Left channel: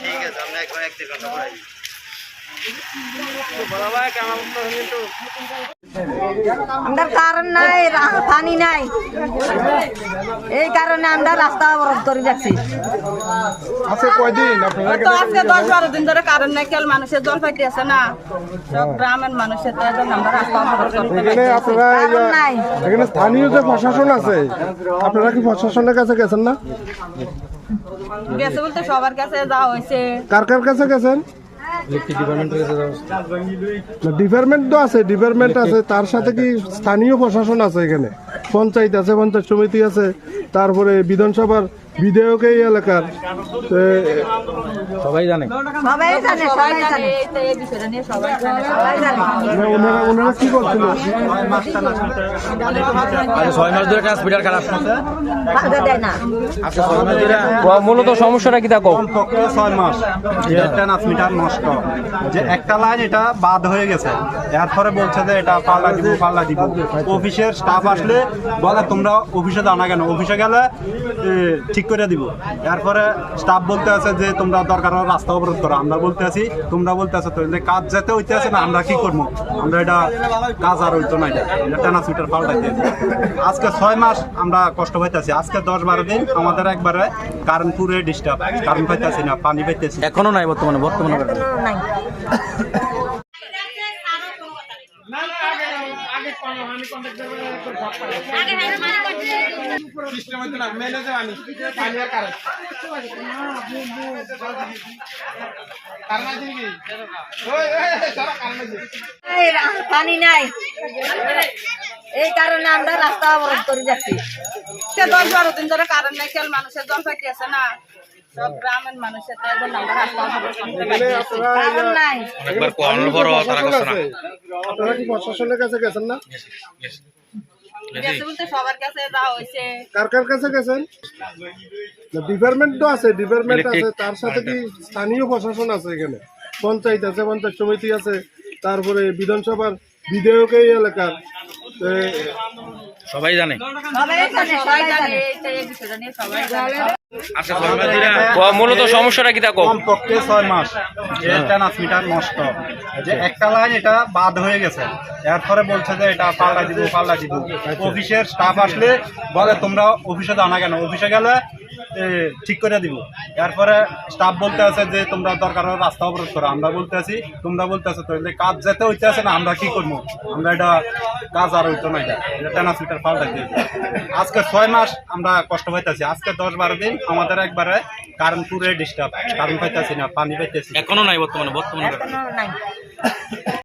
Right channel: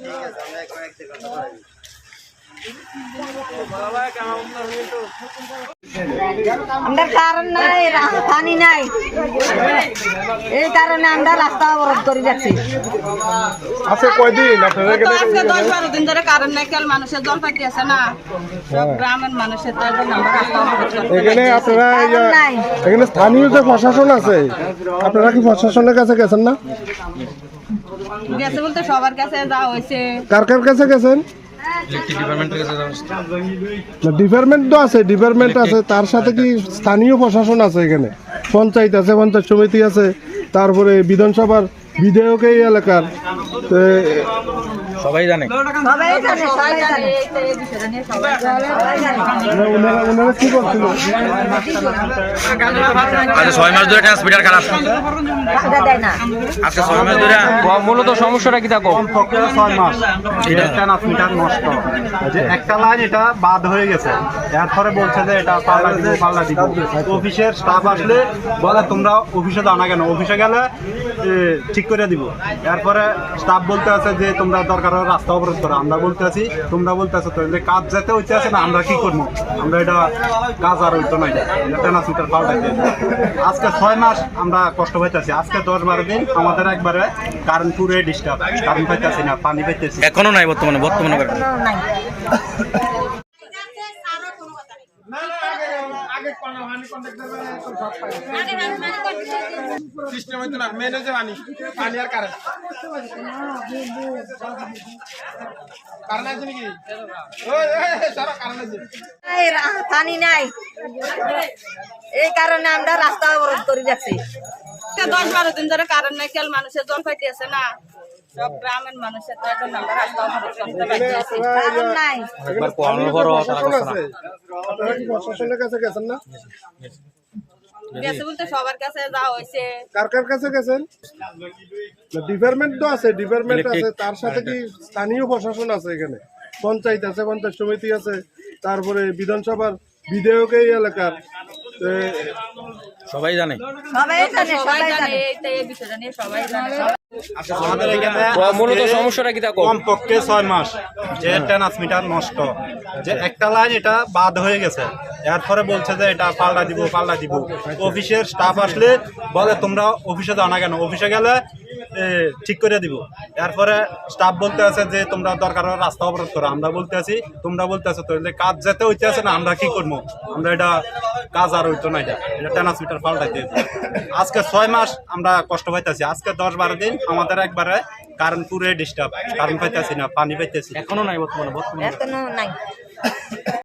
ঠিক আছে আমরা এখন এক দেড় ঘণ্টা পরে আমরা কারণ নাই পানি নাই। এই কারণে আমরা রাস্তা অবরোধ করে যাচ্ছি। আচ্ছা আজকে দশ বারো দিন ধরে কারণ নাই কেল মানুষের জল পাইতে আছে না। সব গ্রামের মানুষের স্থানীয় যে প্রশাসন আছে আপনারা কি প্রশাসনের কাছে গেছেন না? গেছে বলতে সবার কাছে যাওয়া হয়েছে। কার কার কাছে গেছেন? ডিপার্টমেন্ট তো আছে ডিপার্টমেন্ট আছে তার সাথে কি স্থানীয় প্রশাসন আছে এখানে? পঞ্চায়েত আছে পঞ্চায়েত সমিতি আছে তারপরে বিধানসভার বিধায়ক এই এলাকার। সবাই জানে। সবাই জানে সবাই জানে। ওনারা ওনারা কি করছিল? আচ্ছা ছয় মাস ধরে ট্রান্সমিটার খারাপ। কাজে দেয় না। আজকে ছয় মাস ধরে মূলত সমস্যাটা কি দেখো? কমপক্ষে ছয় মাস। এটা ট্রান্সমিটার নষ্ট। যে একটা লাইন এটা বাদ হয়ে গেছে। এরপরে বলছে যে এটা পাল্লা দিব পাল্লা দিব। অফিসের স্টাফ আসলে বলে তোমরা অফিসে দাও না কেন? অফিসে গেলে ঠিক করে দিব। এরপরে স্টাফ বলতে আছে যে তোমরা দরকার হলে রাস্তা অবরোধ করো। আমরা বলতে আছি তোমরা বলতে আছো তো যে কাজ যেতে হইতে আছে না আমরা কি করব? আমরা এটা কাজ আর হইতো না এটা। ট্রান্সমিটার পাল্টাইতে আজকে ছয় মাস আমরা কষ্ট পাইতেছি। আজকে দশ বারো দিন আমাদের একবারে কারেন্ট পুরে ডিস্টার্ব কারেন্ট পাইতেছি না পানি পাইতেছি। এখনও নাই বর্তমানে বর্তমানে সিস্টেম হইতো না মেলে যে পানি আর কারেন্ট কারণ আছে নাকি? পানি নাই। এই কারণে আমরা রাস্তা অবরোধ করে যাচ্ছি। আজকে দশ বারো দিন ধরে কারণ নাই মানুষের জল পাইতে আছে না। সব গ্রামের মানুষের তো এখন আমরা রাস্তা করতে পারছি কারণ নাই। একবার কোয়ানোর পরও তারা করছে না। আপনারা কি প্রশাসনের কাছে গেছেন না? সবার কাছে যাওয়া হয়েছে। কার কার কাছে গেছেন? ডিপার্টমেন্ট তো আছে ডিপার্টমেন্ট আছে। তার সাথে কি স্থানীয় প্রশাসন আছে এখানে? পঞ্চায়েত আছে পঞ্চায়েত সমিতি আছে। তারপরে বিধানসভার বিধায়ক এই এলাকার। সবাই জানে। সবাই জানে সবাই সবাই জানে। জানে এইটা এই বিষয়টা নিয়ে সবাই জানে। আজকে ছয় মাস ধরে মূলত সমস্যাটা কি দেখো কমপক্ষে ছয় মাস। যে ট্রান্সমিটার নষ্ট। যে একটা লাইন এটা বাদ হয়ে গেছে। এরপরে বলছে যে এটা পাল্টা দিব পাল্টা দিব। অফিসের স্টাফ আসলে বলে তোমরা অফিসে দাও না কেন? অফিসে গেলে ঠিক করে দিব। এরপরে স্টাফ বলতে আছে যে তোমরা দরকার রাস্তা অবরোধ করো। আমরা বলতে আছি তোমরা বলতে আছো তো কাজ যেতে হইতে আছে না আমরা কি করব? আমরা এটা কাজ আর হইতো না এটা। এটা ট্রান্সমিটার পাল্টাই দিয়ে আজকে ছয় মাস আমরা কষ্ট পাইতেছি। আজকে দশ বারো দিন আমাদের একবারে কারণ পুরে ডিস্টার্ব কারেন্ট পাইতেছি না পানি পাইতেছি। এখনও নাই বর্তমানে বর্তমানে। করেন এখনও নাই।